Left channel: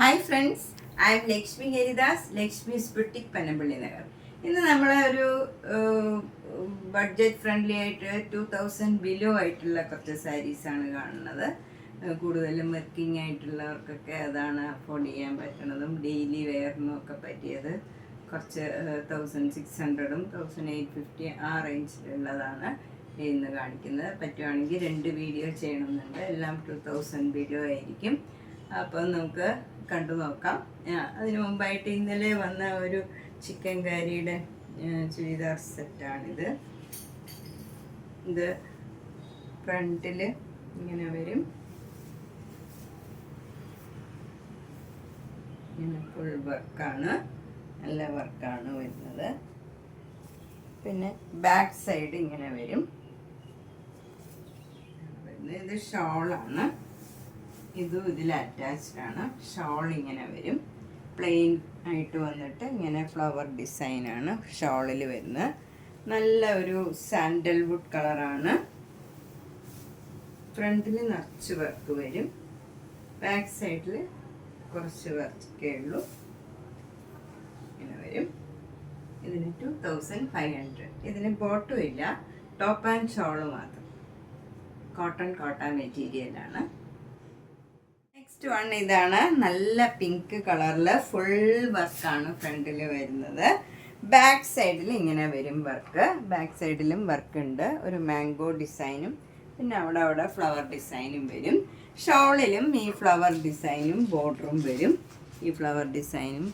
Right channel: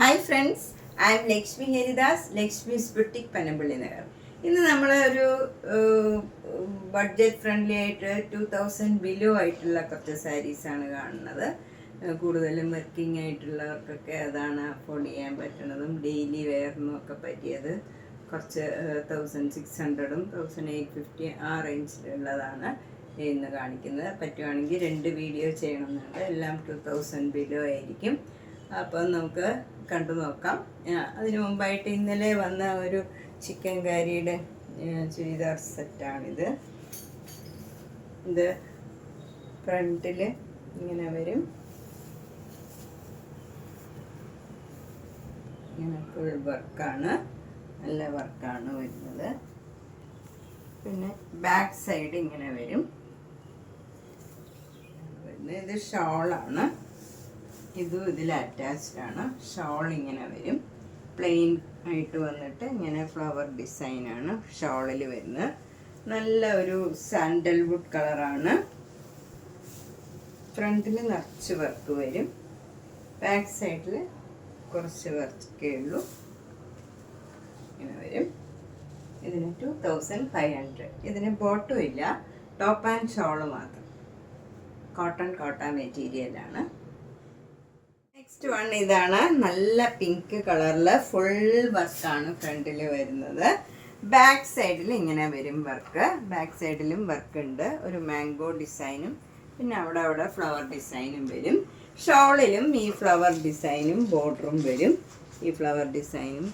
Hi friends, I M Lakshmi Haridas, Lakshmi's boutique Panampilly Nagar. ഇന്ന് നമ്മൾ ഒരു ബഡ്ജറ്റ് ഫ്രണ്ട്ലി ആയിട്ട് 2000 ബിലോ ആയിട്ടുള്ള കുറച്ച് സാരീസാണ് കാണുന്നത്. കൂടുതലും വർക്കിംഗ് ആയിട്ടുള്ളവർക്കൊക്കെ അതാണ് അഫോർഡ് ചെയ്യാൻ പറ്റുന്നതും ഡെയിലി വെയറിനും ഒക്കെ പറ്റിയത്. കുറച്ച് 1600ഉം 1850 ആ റേഞ്ചിലുള്ളതാണ് ഇന്ന് കാണിക്കുന്നത്. പറ്റുവാണെങ്കിൽ 2 വീഡിയോ ചെയ്യണമെന്നുണ്ട്. എല്ലാം 2000 ബിലോ ആയിരിക്കും. അപ്പോൾ നമുക്ക് കണ്ടു നോക്കാം. അതിനു മുമ്പായിട്ട് ഇന്നലെ വന്ന ഒരു ചിക്കൻ കാരിയുടെ ചുരിദാർ സെറ്റാണിത്. ഇത് ഫ്രണ്ടിൽ ഇങ്ങനെ വരും, ഇങ്ങനെ ഫുൾ വർക്കാണ്, നല്ല വർക്കാണ് വരുന്നത്. പിന്നെ ബാക്ക് സൈഡ് ഇങ്ങനെ വരും. ഇത് ഷോളാണ്, ഇതും ഇതിൽ അറ്റാച്ച്ഡ് ആണ്. ഷോൾ ഇങ്ങനെ വരും, പ്ലെയിൻ ആയിട്ട് വന്നിട്ട് ഇങ്ങനെ ഫ്ലവർ ഡിസൈനാണ് ഷോളിൽ വരുന്നത്. നല്ല ഒരു സാൻഡൽവുഡ് കളറാണ്. ഫ്രണ്ടിൽ നിറച്ച് വർക്ക് വരും, ബാക്ക് സൈഡിൽ കുറച്ച് വർക്കേ ഉള്ളൂ. ഇങ്ങനെ വരും. ഇതിന് 2500. ഇതിന് ബോട്ടും ഇല്ല, ടോപ്പ് ആൻഡ് ഷോള് മാത്രം. കോട്ടൺ മെറ്റീരിയലാണ്. നെക്സ്റ്റ് വൺ ഇതാണ്. നല്ല പിങ്ക് കളറിൽ ഫുൾ വർക്കാണ് ഫ്രണ്ടിൽ വരുന്നത്. ബാക്ക് സൈഡിൽ ഇങ്ങനെ വരും വർക്ക്. ബാക്ക് സൈഡിലും വർക്ക് ഉണ്ട്, ഒരു മാംഗോ ഡിസൈനും പിന്നെ അവിടെ ഫ്ലവർ ഡിസൈനും വരും. ഷോളിലും ഈ ഫ്ലവർ ഡിസൈനും ബോർഡറും വരും. ഈ ഫ്ലവർ ഡിസൈനും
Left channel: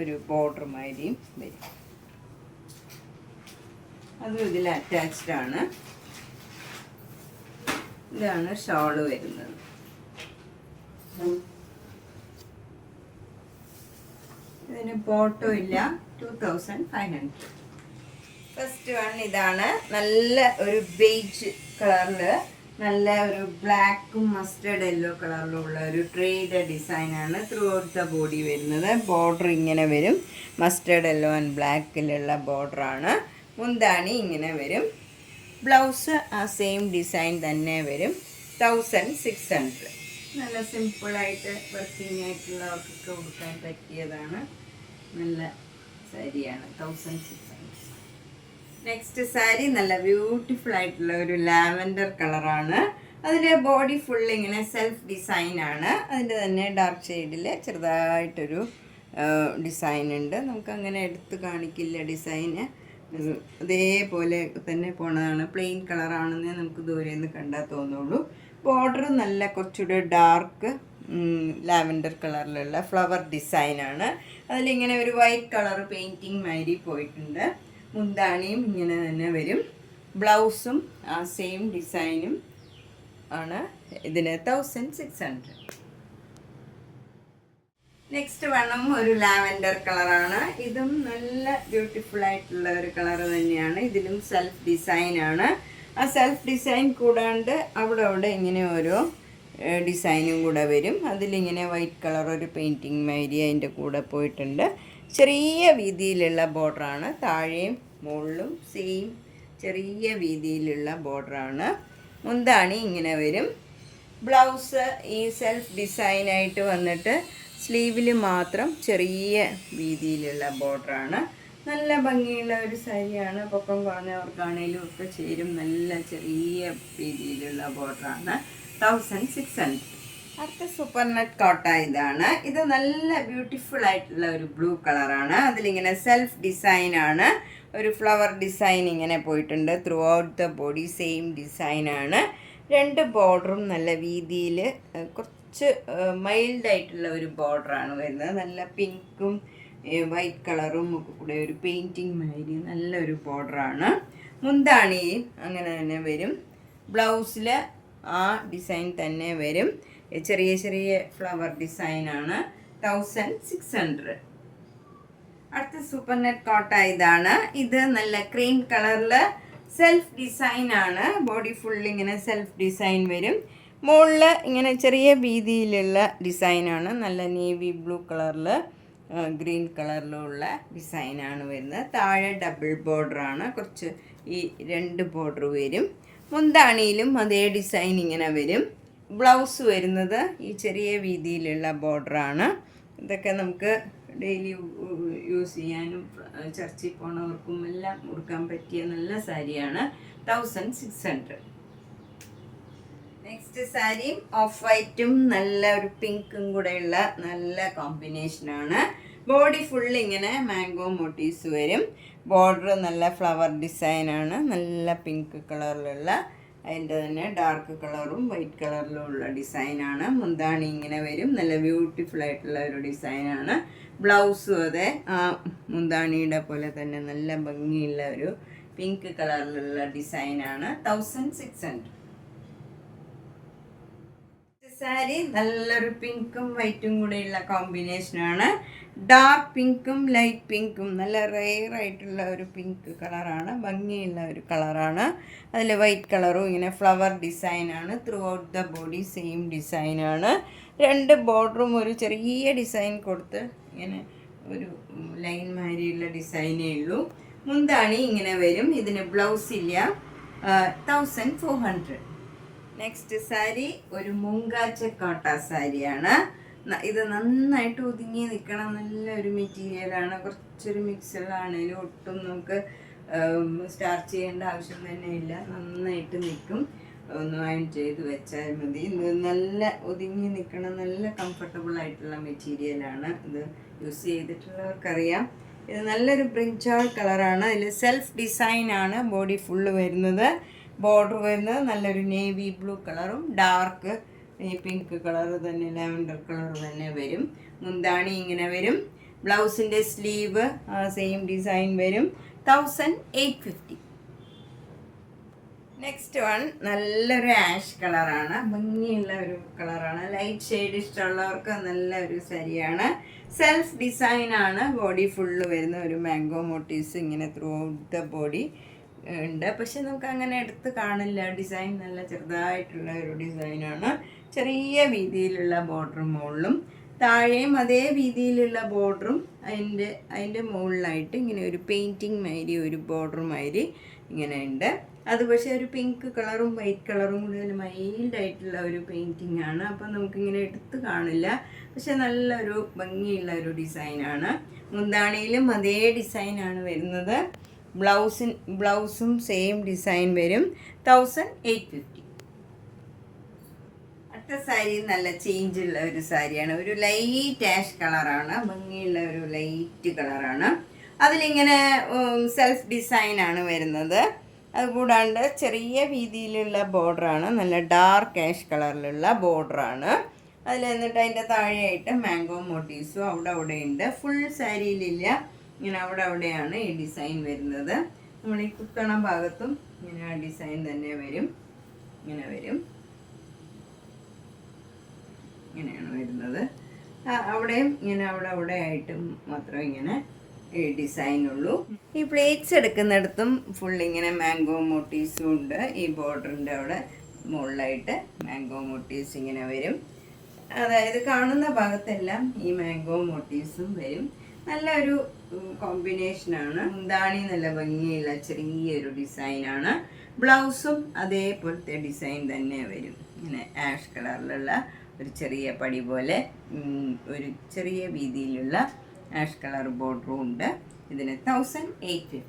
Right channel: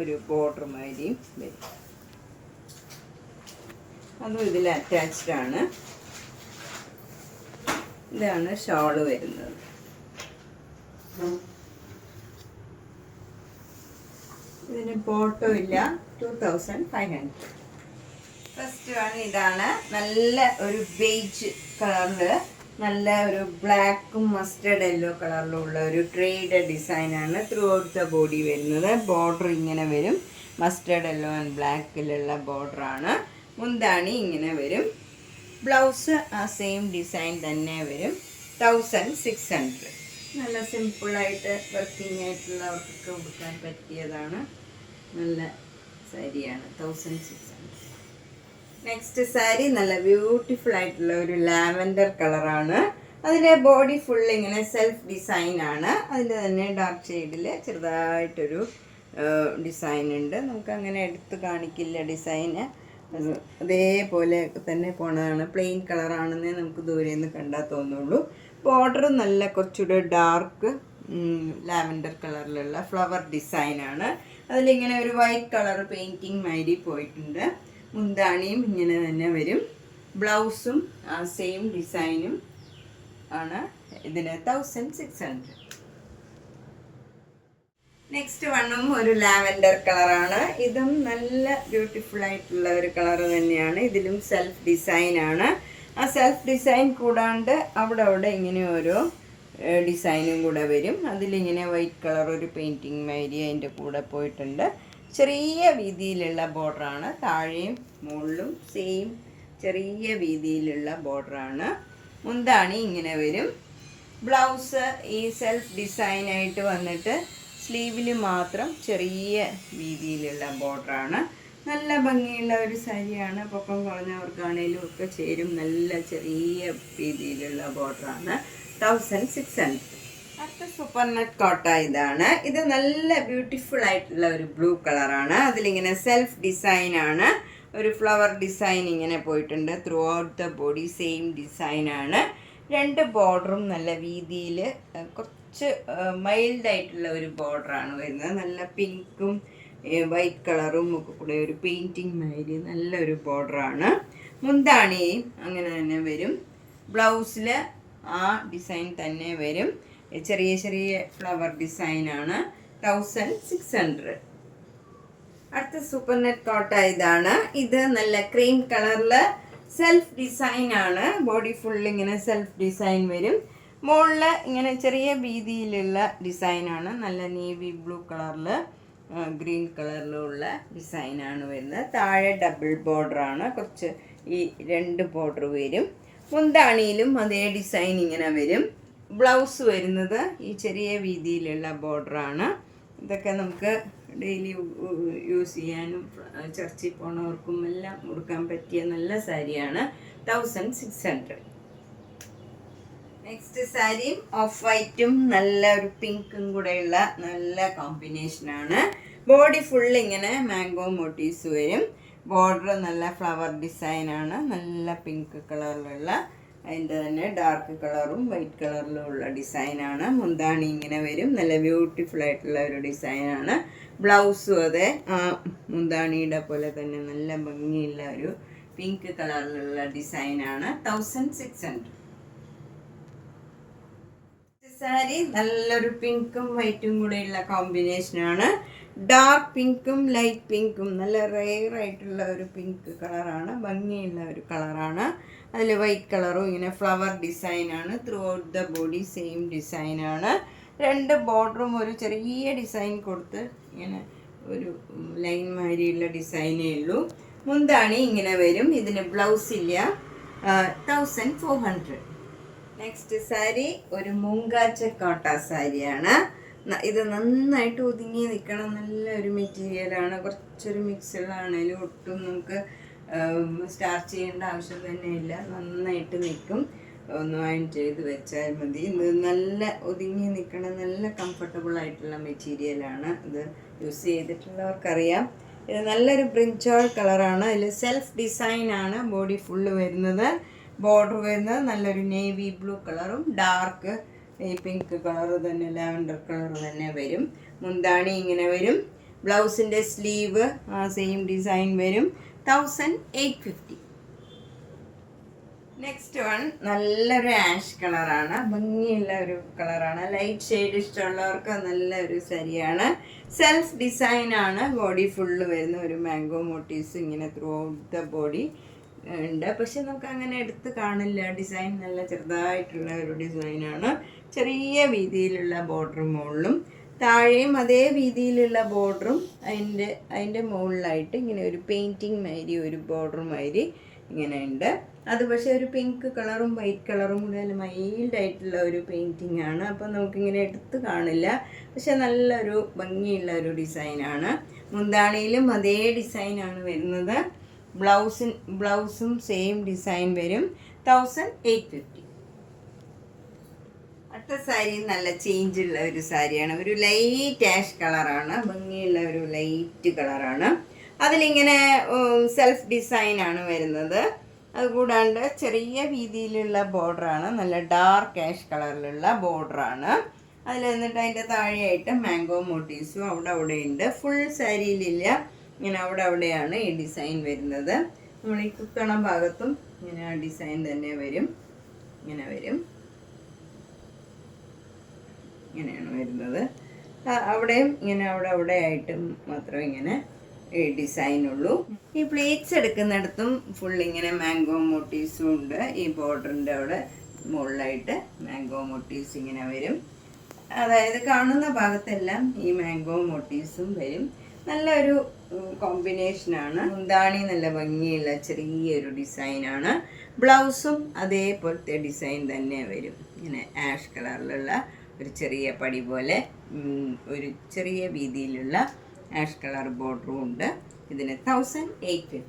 ഒരു ബോർഡർ മാതിരിയും വരും. അതും ഇതിൽ അറ്റാച്ച്ഡ് ആണ്. ഇതാണ് ഷോള് വരുന്നത്. ഇതിന് ബോട്ടും ഇല്ല, 2500. ഫസ്റ്റ് വൺ ഇതാണ്. നല്ല ഒരു ബേജ് കളറില് നല്ല ഒരു ബ്ലാക്കും മസ്റ്റേർഡ് യെല്ലോ കളറിലും ഉള്ള ഒരു ട്രേഡ് ഡിസൈനാണ് ത്രൂ ഔട്ട് ദ ബോഡി വരുന്നത്. ബോർഡർ ഇങ്ങനെ വരും, മസ്റ്റേർഡ് യെല്ലോ ആൻഡ് ബ്ലാക്കിലുള്ള ബോർഡറാണ്. മുന്താണി ഇങ്ങനെ വരും. ബ്ലൗസ് ആ സെയിം ഡിസൈൻ തന്നെ വരും. 1600. നല്ല സിമ്പിളായിട്ട് വർക്കിംഗ് ആയിട്ടുള്ളവർക്കൊക്കെ കൊടുക്കാൻ പറ്റിയതാണ്. നല്ല സാരിയാണ്, 1600. നെക്സ്റ്റ് സാരി നല്ല ബ്യൂട്ടിഫുൾ ആയിട്ടുള്ള ഒരു ലാവൻഡർ കളറാണ്. അതിൻ്റെ ബോഡി ഫുൾ ഇങ്ങനെ സെൽഫ് ഡിസൈനാണ്. അതിൻ്റെ തന്നെ ഡാർക്ക് ഷെയ്ഡിൽ ചെറുതായിട്ടൊരു ഡിസൈൻ ഉണ്ട്. നമുക്കങ്ങനെ എടുത്ത് കാണിക്കില്ല ഡിസൈന്, അതേപോലെ തന്നെ പോണതാണ്. പ്ലെയിൻ കളറാണെന്നേ നമുക്ക് ദൂരെ നിന്ന് കണ്ടാൽ തോന്നുള്ളൂ. ബോർഡർ നല്ല കുറച്ചുകൂടെ ഡാർക്ക് ലാവൻഡർ കളറിലുള്ള ഫ്ലവർ ഡിസൈനാണ്. അതിലിങ്ങനെ ഒരു വൈറ്റ് കളർ പെയിൻറ്റിങ് മാതിരി പോയിട്ടുണ്ട്. മുന്താണിയും ഇങ്ങനെ തന്നെ വരും. ബ്ലൗസും ആ സെയിം ഡിസൈനും ആണ്. ഇതിന് 1600. നെക്സ്റ്റ് വണ്ണും ഒരു ലാവൻഡർ കളറാണ്. ഇതും നല്ല ബ്യൂട്ടിഫുൾ ആയിട്ടുള്ള ഒരു കളർ തന്നെയാണ്. ഇതിലും സെൽഫ് ഡിസൈനാണ്. ആ സെൽഫ് ഡിസൈൻ കൂടാണ്ട് അവിടെ ഇങ്ങനെ ഒരു ഡിസൈനും കൂടെ വരും. അതിലിങ്ങനെ വൈറ്റ് കളർ ഒരു പെയിൻറ്റിങ് മാതിരി അതിൻ്റെ കൂടെ പോയിട്ടുണ്ട്. ചെറിയ വീതിയിലുള്ള ബോർഡറാണ്. താഴെയും മുകളിലും സെയിം ചെറിയ വീതിയിലുള്ള ബോർഡറാണ്. മുന്താണി ഇങ്ങനെ വരും. ബ്ലൗസ് ഈ സെൽഫ് ഡിസൈനായിട്ട് വന്നിട്ട് സ്ലീവിൽ മാത്രം ചെറിയ വീതിയിലുള്ള ബോർഡറാണ്. നല്ല ഭംഗിയുള്ള ഒരു സാരിയാണ്. പൊക്കം കുറഞ്ഞവർക്കാണേലും ഒക്കെ ചേരും. നല്ല ചെറിയ രീതിയിലുള്ള ബോർഡറാണ്. 1600. അടുത്ത സൂപ്പർ നെറ്റ് കോട്ട ഇതാണ്. ഇത് നല്ല ബ്യൂട്ടിഫുൾ ആയിട്ടുള്ള ഒരു ബ്ലൂ കളറാണ്. അതിലിങ്ങനെ സെൽഫ് ഡിസൈനാണ്. ഒരു ഫ്ലവർ ഡിസൈൻ ഇങ്ങനെ പോയിട്ടുണ്ട്. Through out the body same ഡിസൈനാണ്. 2 ബോർഡറും നല്ല വീതിയിൽ കുറച്ച് മൈൽഡായിട്ടുള്ള ഒരു ബോർഡറാണ് വരുന്നത്. നല്ല പിങ്കും വൈറ്റ് കളറും ഒക്കെ കൂടെ ഒരു പെയിൻറ്റിങ് മാതിരി നല്ലൊരു ബോർഡറാണ്. മുന്താണി അങ്ങനെ തന്നെ വരും. ബ്ലൗസിൽ ആ ഡിസൈൻ തന്നെ വരും. ചെറിയ ഫ്ലവർ ഡിസൈനാണ്. 1600. അടുത്ത സൂപ്പർ നെറ്റ് കോട്ട ഇതാണ്. ഇത് നല്ല ക്രീം കളറിൽ സെൽഫ് ഡിസൈനാണ്. ബോഡി ഫുൾ ഇങ്ങനെ സെൽഫ് ഡിസൈൻ വരും. മുകളിൽ ഇങ്ങനെ ചെറിയ വീതിയിലുള്ള ഡിസൈനാണ്. നല്ല നേവി ബ്ലൂ കളറിൽ ഗ്രീൻ കളറിലുള്ള ഡിസൈനാണ് വരുന്നത്. താഴെ ഡബിൾ ബോർഡറാണ്. കുറച്ച് ഈ 2 ബോർഡർ വരും. മുന്താണിയിലും അതേ ഡിസൈൻ ഇങ്ങനെ വരും. ബ്ലൗസ് വരുന്നത് ഈ ചെറിയ വീതിയിലുള്ള ബോർഡറാണ്. ഇതൊക്കെ നമുക്ക് ഡെയിലി യൂസ് ചെയ്യാനും ചർച്ചിൽ പോണവർക്കും എല്ലാം ഉടുക്കാൻ പറ്റിയ നല്ല സാരിയാണ്. 1600. നെക്സ്റ്റ് സാരി ഓഫ് വൈറ്റും നല്ല ഒരു പിങ്കും കൂടെയുള്ള നല്ല കോമ്പിനേഷനാണ്. ബോഡി ഫുൾ ഇങ്ങനെ മാംഗോ മോട്ടീവ്സ് വരും. ബോർഡർ നല്ല ഫ്ലവർ ഡിസൈനാണ്. നല്ല പിങ്ക് കളറിലുള്ള അതിൻ്റെ തന്നെ ഡാർക്ക് കളറും വൈറ്റ് കളറിലും ഉള്ള ഡിസൈനാണ്. മുന്താണി ഇങ്ങനെ വരും. നല്ല ബ്യൂട്ടിഫുൾ ആയിട്ടുള്ള ഒരു ഡിസൈനാണ്. ബ്ലൗസും അതെ ആ മുന്താണിയുടെ പോലെ തന്നെ നല്ല ഭംഗിയുള്ള ഒരു പിങ്ക് കളറിലുള്ള ഡിസൈനാണ്. 1600. സാരി നല്ലൊരു പിങ്കും വൈറ്റും കൂടെയുള്ള കോമ്പിനേഷനാണ്. ഡാർക്ക് പിങ്കും ലൈറ്റ് പിങ്കും നല്ല റെയർ ആയിട്ടുള്ള ഒരു പിങ്ക് കളറാണ്. ഭംഗിയുള്ള ഒരു കളറാണ്. അതിൽ വൈറ്റ് കളറും ഇങ്ങനെ ഫ്ലവർ ഡിസൈനാണ്. Through out the body same ഡിസൈനാണ്. 2 ബോർഡറും ഒരു ചെറിയ ഡിസൈൻ കൊടുത്ത് ഇങ്ങനെ ഒരു ലൈൻ മാതിരിയുള്ള ഡിസൈനേ ഉള്ളൂ. മുന്താണി ഇങ്ങനെ വരും. ഇതിന് ബ്ലൗസ് ഇല്ല. 1400. നെക്സ്റ്റ് സാരി ഒരു മൂങ്കാച്ച കോട്ട സാരിയാണ്. ഇത് നന്നായിട്ട് ഒതുങ്ങി നിൽക്കണം നല്ലൊരു മെറ്റീരിയലാണ്. കുറച്ചൊരു മിക്സുകളാണെങ്കിലും ഒട്ടും നമുക്ക് സ്റ്റാർച്ച് ചെയ്യേണ്ട ആവശ്യം തന്നെ ഇല്ല. നന്നായിട്ട് നിൽക്കും. ഒന്ന് അയൺ ചെയ്ത് വെച്ചാൽ മതി. ഇത് നല്ല ഒതുങ്ങി നിൽക്കണം നല്ല കംഫർട്ടബിൾ ആയിട്ടുള്ള മെറ്റീരിയലാണ്. ഇത് യൂസ് ചെയ്തിട്ടുള്ളവർക്കറിയാം. ഇത് നല്ലൊരു ബ്രിഞ്ചോൾ കളറാണ്. അതിൽ സെൽഫ് ഡിസൈനാണ് ബോഡി ഫുള്ള് വരുന്നത്. ബോർഡർ വരുന്നത് നല്ലൊരു നേവി ബ്ലൂ കളറും ഡാർക്ക് ഈ പിങ്ക് കളർ തന്നെ ലാവൻഡർ കളർ തന്നെ വരും. മുന്താണി ഇങ്ങനെ വരും. ബ്ലൗസിൻ്റെ സ്ലീവ് ആ സെയിം ഡിസൈൻ വരും. 1850. നെക്സ്റ്റ് വൺ നല്ലൊരു ആഷ് കളറാണ്. ഭംഗിയുള്ള ഒരു കളറാണ്. ലൈറ്റ് ഷെയ്ഡ് ഇഷ്ടമുള്ളവർക്ക് നല്ലൊരു സാരിയാണ്. സെൽഫ് ഡിസൈനാണ്. ബോഡി ഫുള്ള് വരുന്ന ഒരു മാംഗോ മോട്ടീവ്സ് ഇങ്ങനെ ത്രൂ ഔട്ട് ദ ബോഡി ഉണ്ട്. പക്ഷെ നമുക്ക് അങ്ങനെ എടുത്ത് കാണില്ല. ഡിസൈൻ നല്ല ചെറുതായിട്ടുള്ള ഒരു ഡിസൈനാണ്. ചെറിയ വീതിയിലുള്ള ബോർഡർ മുകളിലും താഴെയും അതേ വീതിയിലുള്ള ബോർഡറും അതിൻ്റെ മുകളിലായിട്ട് ഇങ്ങനെ ഒരു പെയിൻറ്റിങ് മാതിരി ഒരു ബോർഡർ മാതിരി ഇങ്ങനെ ഉണ്ട്. അത് പക്ഷേ ഒരു പിങ്ക് കളറും വൈറ്റ് കളറും കൂടെ മൈൽഡായിട്ടുള്ള ഒരു പെയിൻറ്റിങ് ആണ്. അപ്പം നമുക്കിങ്ങനെ എടുത്ത് കാണില്ല. പക്ഷെ നല്ലൊരു ഭംഗിയുള്ള ഒരു ഡിസൈനാണ്. മുന്താണിയിലും അതേ ഡിസൈനാണ് വരുന്നത്. ബ്ലൗസും സെയിം ഡിസൈൻ വരും. 1850. അടുത്ത സാരി നല്ല ചേഞ്ചുള്ള ഒരു സാരിയാണ്. ഒരു ലൈറ്റ് ആഷ് കളറാണ്. ഭംഗിയുള്ള ഒരു ലൈറ്റ് കളറാണ്. അതിലിങ്ങനെ സെൽഫ് ഡിസൈനാണ് വരുന്നത്. അതുകൂടാണ്ട് ചെറിയ വീതിയിലുള്ള ബോർഡറാണ്. നല്ല ഡാർക്ക് ആഷ് കളറിലുള്ള ബോർഡറാണ്. അതിൽ എന്നിട്ട് അതിൻ്റെ താഴെയായിട്ട് മാംഗോ മോട്ടീവ്സും അവിടെ ഉണ്ട്. ഫുൾ സാരിയിലില്ല. ഇങ്ങനെ അവിടെയാണ് ഈ ഡിസൈൻ വരുന്നത്. നമ്മൾ ഈ കുത്തണ ഭാഗത്തും ഇങ്ങനെ ആ ഡിസൈൻ തന്നെ വരും. ഇങ്ങനെ വരും. ഇങ്ങനെയാണ് വരുന്നത്. അവിടെയും ഇങ്ങനെ അവിടെ ആയിട്ടും മാത്രം ഇങ്ങനെ ഈ ഡിസൈനുള്ളൂ. ഈ പ്ലേറ്റ്സ് എടുക്കുന്നിടത്തും ഫുൾ ഇങ്ങനെ മാംഗോ മോട്ടീവ്സും ഉണ്ട്. ഈ ബോർഡറിൻ്റെ അവിടെ മുകളിലായിട്ട് മാംഗോ മോട്ടീവ്സ് ഇങ്ങനെ വരും. അതായത് കാണുന്ന ഭാഗത്തെല്ലാം ഈ മാംഗോ മോട്ടീവ്സും വരും. നല്ലൊരു കോമ്പിനേഷനാണ്. മുന്താണി നല്ല ഭംഗിയുള്ള ചെറിയൊരു ഡിസൈനാണ്. ബ്ലൗസും അതേപോലത്തെ ഡിസൈൻ തന്നെ വരും. ഇങ്ങനെ ആഷ് കളറിലുള്ള ഒരു ചെറിയ പടി പോലെ ഒരു ചെറിയ വീതിയിലുള്ള ആഷ് കളർ ബോർഡറും ഉണ്ട്. ഇതിന് 1850.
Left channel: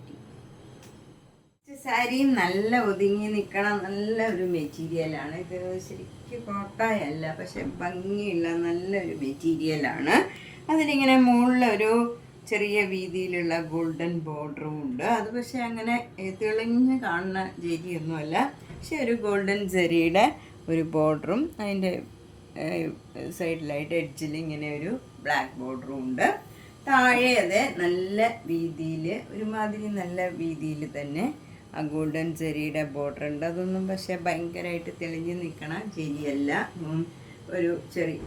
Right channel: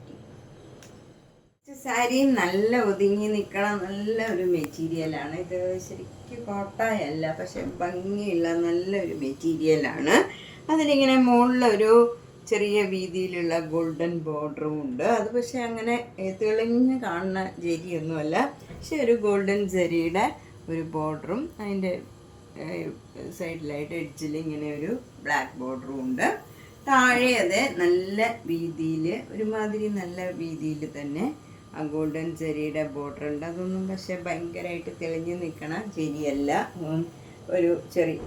സാരിയും നല്ല ഒതുങ്ങി നിൽക്കണം നല്ല ഒരു മെറ്റീരിയലാണ്. ഇത് ശരിക്കും കോട്ടയല്ല, പക്ഷെ ഭംഗിയുള്ള നല്ലൊരു മെറ്റീരിയലാണ്. അതിലിങ്ങനെ മുകളിലൊരു ചെറിയ വീതിയിലുള്ള ഗോൾഡൻ ബോർഡറും ഉണ്ട്. അത് പക്ഷെ അങ്ങനെ തെളിഞ്ഞ് കാണുന്ന ജരിയൊന്നുമല്ല. പക്ഷെ ഒരു ഗോൾഡൻ ജരിയുടെ ഒരു ബോർഡറും അതിൻ്റെ സൈഡിലായിട്ട് എഡ്ജിൽ ഇങ്ങനെ ഒരു ബ്ലാക്ക് ബോർഡറും ഉണ്ട്. താഴെ അത് നല്ല വീതിയിൽ ഒരുമാതിരി നല്ല വീതിയിൽ തന്നെ ആ ഗോൾഡൻ ജെറിയുടെ ബോർഡർ ഉണ്ട്. അതൊന്നും പക്ഷെ ഭയങ്കരമായിട്ട് തെളിഞ്ഞ് നിൽക്കണ ജെരിയല്ല. ഒരു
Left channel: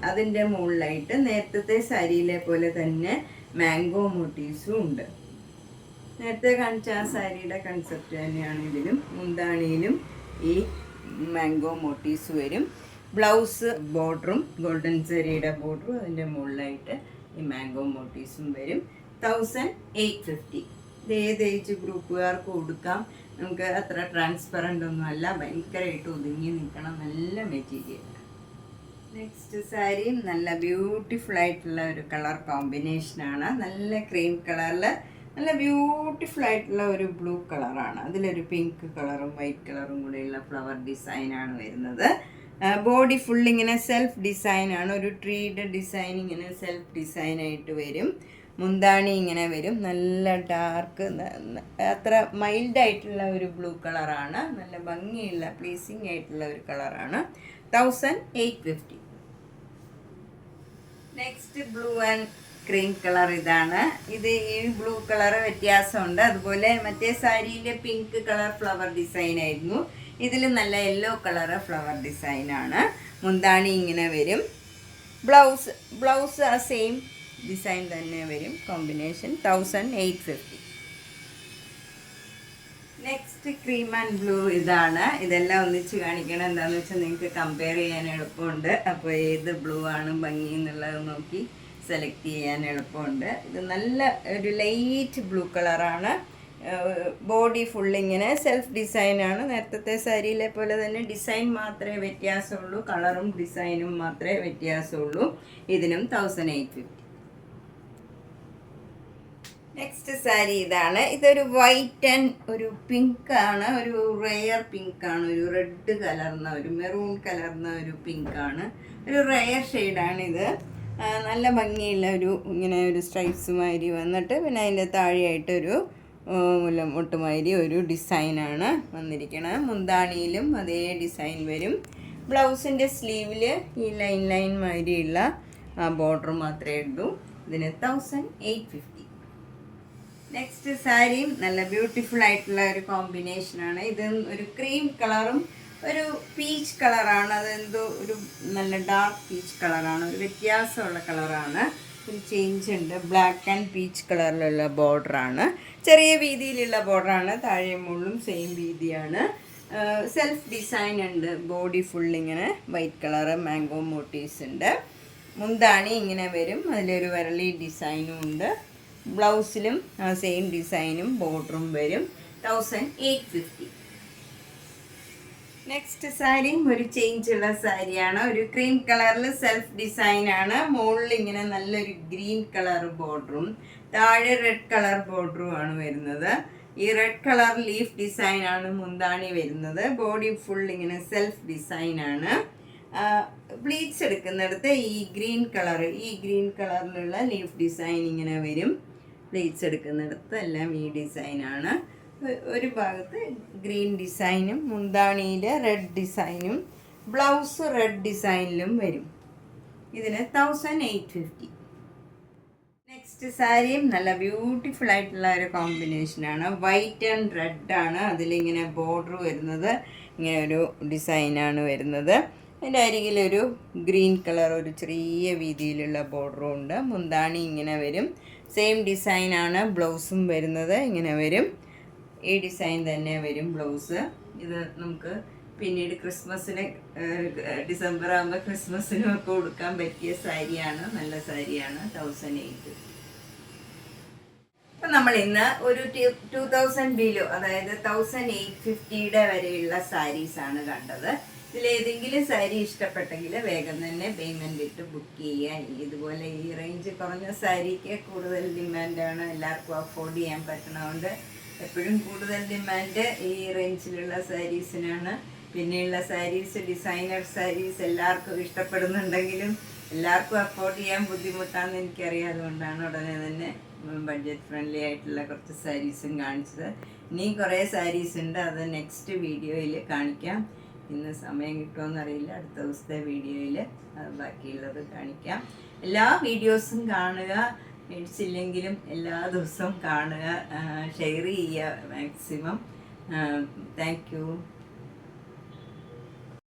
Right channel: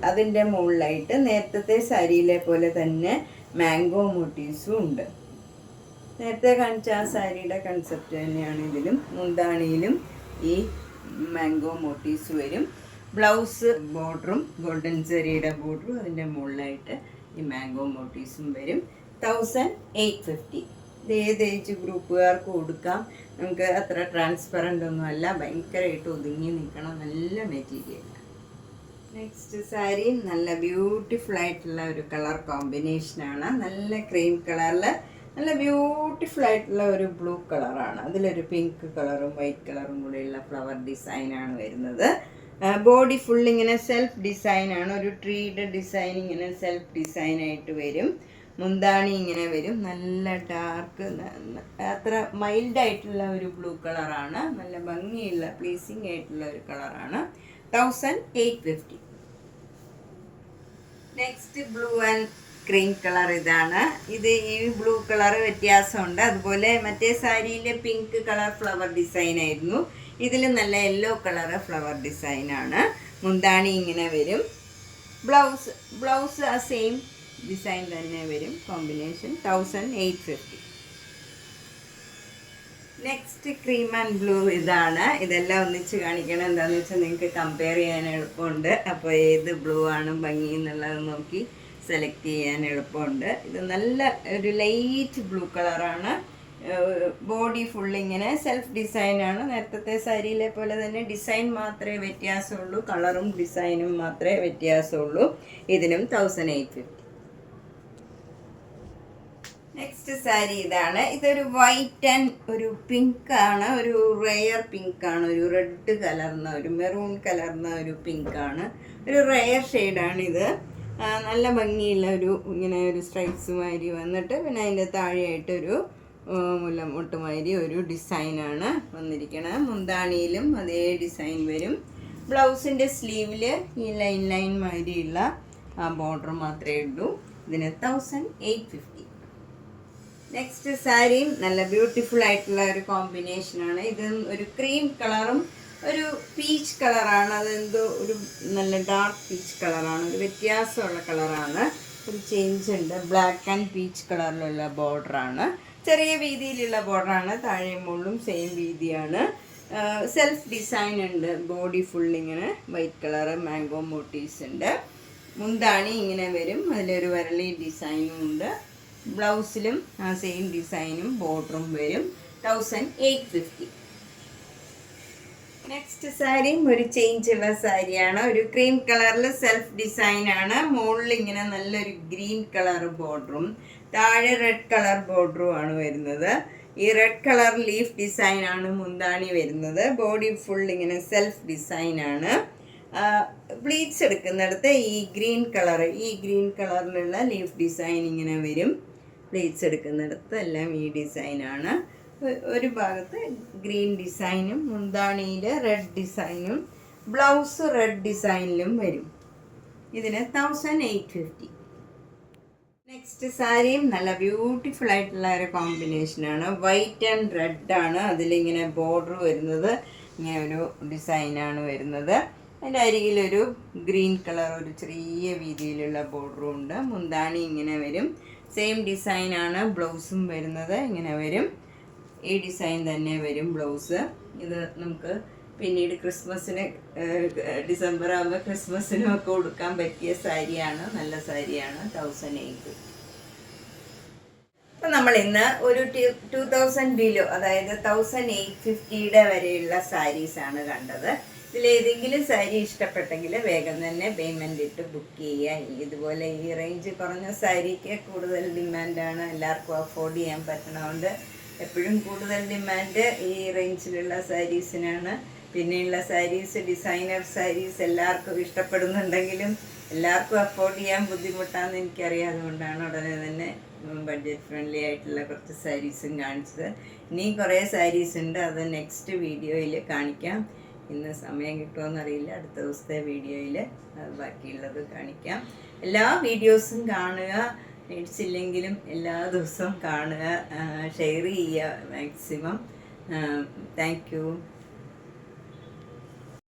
അതിൻ്റെ മുകളിലായിട്ട് നേരത്തെ സാരിയിലെ പോലെ തന്നെ മാംഗോ മോട്ടീവ്സും ഉണ്ട്. നേരത്തെ കാണിച്ച ആ സാരിയുടെ കൺസെപ്റ്റ് തന്നെയാണ് ഇതിലും. മുന്താണിയിലും ഈ മാംഗോ മോട്ടീവ്സ് വരും. ബ്ലൗസ് ബോർഡറും ഗോൾഡൻ ജെറിയുടെ ബോർഡറും അതിൻ്റെ മുകളിലായിട്ട് ഈ മാംഗോ മോട്ടീവ്സും വരും. 1850. ഇത് ഏത് ഏജ് ഗ്രൂപ്പുകാർക്ക് കൊടുക്കാം. നമുക്ക് അത്ര ട്രാൻസ്പെറൻ്റ് ഒന്നും അല്ല. ഭയങ്കരമായിട്ട് ഒതുങ്ങി നിൽക്കണം നല്ല മെറ്റീരിയൽ. നെക്സ്റ്റ് സാരി നല്ല ബ്യൂട്ടിഫുൾ ആയിട്ടുള്ള ഒരു കളർ കോമ്പിനേഷനാണ്. നല്ല ക്രീം കളറിൽ നല്ല ബ്യൂട്ടിഫുൾ ആയിട്ടുള്ള ഒരു ബ്ലൂ കളറാണ്. അതിലൊരു പിങ്ക് കളറും വൈറ്റ് കളറും കൂടിയുള്ള ഫ്ലവർ ഡിസൈനാണ് വരുന്നത്. ബോഡി ഫുൾ ഇങ്ങനെ സെൽഫ് ഡിസൈനാണ്. ഒരു ട്രീഡ് ഡിസൈൻ ഇങ്ങനെ സെൽഫ് ഡിസൈനായിട്ട് വരും. മുന്താണി ഇങ്ങനെ വരും. നല്ല ഡാർക്ക്, അത്ര മൈൽഡായിട്ടുള്ള ഒരു ബ്ലൂ കളറാണ്. നല്ല ഭംഗിയുള്ള പ്ലീസിങ് ആയിട്ടുള്ള ഒരു കളറാണ്. 1850. Next blue and cream colour ഇതാണ്. ഇത് ഈ ബ്ലൂ കളർ വ്യത്യാസമുണ്ട്. അതുപോലെ മറ്റേ സാരിയിൽ പിങ്ക് കളർ ഫ്ലവർ ഡിസൈൻ ആയിരുന്നു. ഇതിൽ നല്ല യെല്ലോ കളർ ഫ്ലവർ ഡിസൈനാണ്. മുന്താണി ഇങ്ങനെ വരും. ബ്ലൗസ് ആ സെയിം ഡിസൈൻ തന്നെ വരും. Combination 1850. Next cream and blue ഇതാണ്. ഇതെല്ലാം ഒന്നിച്ച് കാണിക്കണം. എന്താണെന്ന് വെച്ചാൽ നിങ്ങൾക്ക് കമ്പയർ ചെയ്യാൻ എളുപ്പമുണ്ട്. അപ്പോൾ ഏത് ബ്ലൂ ആണ് ഭംഗി എന്നുള്ളത് നോക്കി സെലക്ട് ചെയ്യാൻ എളുപ്പമുണ്ട്. ഇത് നല്ല ഒരു ലൈറ്റ് ബ്ലൂ കളറാണ്. ബോഡി ഫുള്ളിങ്ങനെ സെൽഫ് ഡിസൈനാണ്. നേരത്തെ സാരിയിലെ പോലെ തന്നെ ഡിസൈൻ മാത്രമേ വ്യത്യാസമുള്ളൂ. കളറും ഡിസൈനും മാത്രമേ വ്യത്യാസമുള്ളൂ. ഇതിനും 1850. നെക്സ്റ്റ് സാരി ഇതാണ്. ഇതൊരു വൈറ്റ് ആൻഡ് ഒരു പിങ്ക് ആണ്. ഒരു റെയർ പിങ്ക് ആണ്. ഒരു റെഡ് കലർന്ന ഒരു മെറൂൺ കലർന്ന ഒരു പിങ്ക് ആണ്. ഒരു റെയർ ഷെയ്ഡാണിത്. നല്ല ഭംഗിയുള്ള ഒരു ഇങ്ങനെ ഒരു സ്ട്രൈപ്സ് മാതിരി വന്നിട്ട് പിന്നെ അതിൻ്റെ താഴെയായിട്ടൊരു മുട്ടുമാതിരി ഒരു ഡിസൈനാണ് വന്നിരിക്കുന്നത്. മുന്താണിയിലും അതേ ഡിസൈൻ വരും. ബ്ലൗസിൻ്റെ സ്ലീവിൽ ഈ ലൈൻ മാതിരിയുള്ള ബോർഡർ മാത്രമേ ഉള്ളൂ. ഇതിന് 1850. നെക്സ്റ്റ് സാരിയും നല്ല ബ്യൂട്ടിഫുൾ ആയിട്ടുള്ള ഒരു കോമ്പിനേഷനാണ്. ഇത് ഒരു ക്രീം കളറും ഒരു പീച്ച് കളറാണ്. അതെന്തോ ഒരു നല്ല ഡാർക്ക് പീച്ച് കളറാണ്. ഒരു വ്യത്യാസമുള്ള കളറാണ്. ഒരു ചേഞ്ച് ഉണ്ട്. ബ്ലാക്ക് ആൻഡ് പീച്ച് കളറിലുള്ള ബോർഡറാണ്. ചെറിയ വീതിയിലുള്ള ബോർഡറാണ്. താഴെ മുകളിലും സെയിം വീതിയാണ്. സെൽഫ് ഡിസൈൻ ഉണ്ട്. ബോഡി ഫുള്ളിങ്ങനെ വൈറ്റ് കളറ് മാംഗോ മോട്ടീവ്സ് ഉണ്ട്. മുന്താണി ഇങ്ങനെ വരും. അതിലൊരു വരളി ഡിസൈനും ഉണ്ട്. ബ്ലൗസിലും സെയിം ഡിസൈനും ബോർഡറും വരും. 1850. നെക്സ്റ്റ് സാരിയും ഒരു ചേഞ്ച് ഉള്ള സാരിയാണ്. ഒരു ക്രീം കളറിൽ സെൽഫ് ഡിസൈനാണ്. മുകളിൽ ഇങ്ങനെ നല്ലൊരു ഗ്രീൻ കളർ ബോർഡറും താഴെ റെഡ് കളർ ബോർഡറും ആണ് വരുന്നത്. ഈ റെഡ് കളർ ലീഫ് ഡിസൈനാണ് മുന്താണി വരുന്നത്. ബോഡി ഫുൾ ഇങ്ങനെ സെൽഫ് ഡിസൈനാണ്. പ്ലീറ്റ്സ് എടുക്കുന്നിടത്ത് ഈ ഗ്രീൻ കളറിലുള്ള ലീഫ് ഡിസൈൻ ഇങ്ങനെ വരും. പ്ലീറ്റ്സ് എടുക്കുന്നിടത്ത് എല്ലാം ഈ ഡിസൈനാണ്. ഒരു ഭാഗത്ത് ഗ്രീൻ ഡിസൈനും മുന്താണിയിൽ റെഡ് ഡിസൈനും ബ്ലൗസ് റെഡ് ഡിസൈനിലും വരും. ഇതിന് 1850. നെക്സ്റ്റ് സാരിയും നല്ല ബ്യൂട്ടിഫുൾ ആയിട്ടുള്ള ഒരു കോമ്പിനേഷനാണ്. വൈറ്റ് ആൻഡ് റെഡ് ആണ്. അതിലിങ്ങനെ ബോർഡർ വരുന്നത് ഇങ്ങനെ ഒരു ഡിസൈനാണ് വരുന്നത്. അതിൻ്റെ അരികിലൊരു ഗ്രീൻ കളർ ഒരു ചെറിയ വീതിയിലുള്ള ബോർഡറും ഉണ്ട്. മുന്താണി ഇങ്ങനെ വരും. സെയിം ഡിസൈനാണ് ബ്ലൗസും വരുന്നത്. ഇങ്ങനെ വരും. ഈ ഡിസൈൻ തന്നെ വരും ബ്ലൗസ്. ഇത് നമുക്ക് പിന്നീട് ക്രിസ്മസിന് ഡിസംബർ ആകുമ്പോൾ ക്രിസ്മസിനും ഒക്കെ കൊടുക്കാൻ പറ്റിയ സാരിയാണ്. നല്ല സാരിയാണ്. 1800. അപ്പം നമ്മൾ ഇന്ന് ഒരു 2000 ബിലോ, അതായത് 1850 വരെയുള്ള സാരീസാണ് കണ്ടത്. ഇതിലേതെങ്കിലും സാരി ഇഷ്ടപ്പെട്ടെങ്കിൽ വേഗം തന്നെ പേയ്മെൻ്റ് ഇട്ട് ബുക്ക് ചെയ്യുക. ഇതുപോലെ ഈ റേഞ്ച് കുറഞ്ഞ സാരിക്ക് കൂടുതൽ ഡിമാൻഡാണ്. എല്ലാവർക്കും അഫോർഡ് ചെയ്യാൻ പറ്റണതുകൊണ്ട് എപ്പോഴും കൂടുതൽ ഡിമാൻഡ് ഈ റേഞ്ചിലുള്ള സാരീസിനാണ്. പിന്നെയുള്ള സാരീസ് ഡിസൈനർ സാരീസ് എല്ലാവർക്കും ഇഷ്ടപ്പെടുന്നുണ്ടെങ്കിലും എല്ലാവർക്കും അഫോർഡ് ചെയ്യാൻ ബുദ്ധിമുട്ടാണെന്ന് എനിക്കറിയാം. അതുകൊണ്ടാണ് ഉടനെ തന്നെ ബഡ്ജറ്റ് ഫ്രണ്ട്ലി ആയിട്ടുള്ള കുറച്ച് സാരീസും കാണിച്ചത്. ഇനി കുറേ സാരീസ് ഉണ്ട്. അത് നെക്സ്റ്റ് വീഡിയോയിൽ കാണിക്കാം. ഇന്ന് സമയം കിട്ടുമോയെന്നറിയില്ല. അടുത്ത ദിവസത്തെ വീഡിയോയിൽ ബാക്കിയുള്ളത് കാണിക്കാം. എല്ലാ വീഡിയോസും കാണുക. മേടിച്ചില്ലെങ്കിലും എല്ലാ ദിവസവും കാണുക. ഷെയർ ചെയ്യുക മാക്സിമം. Thank you.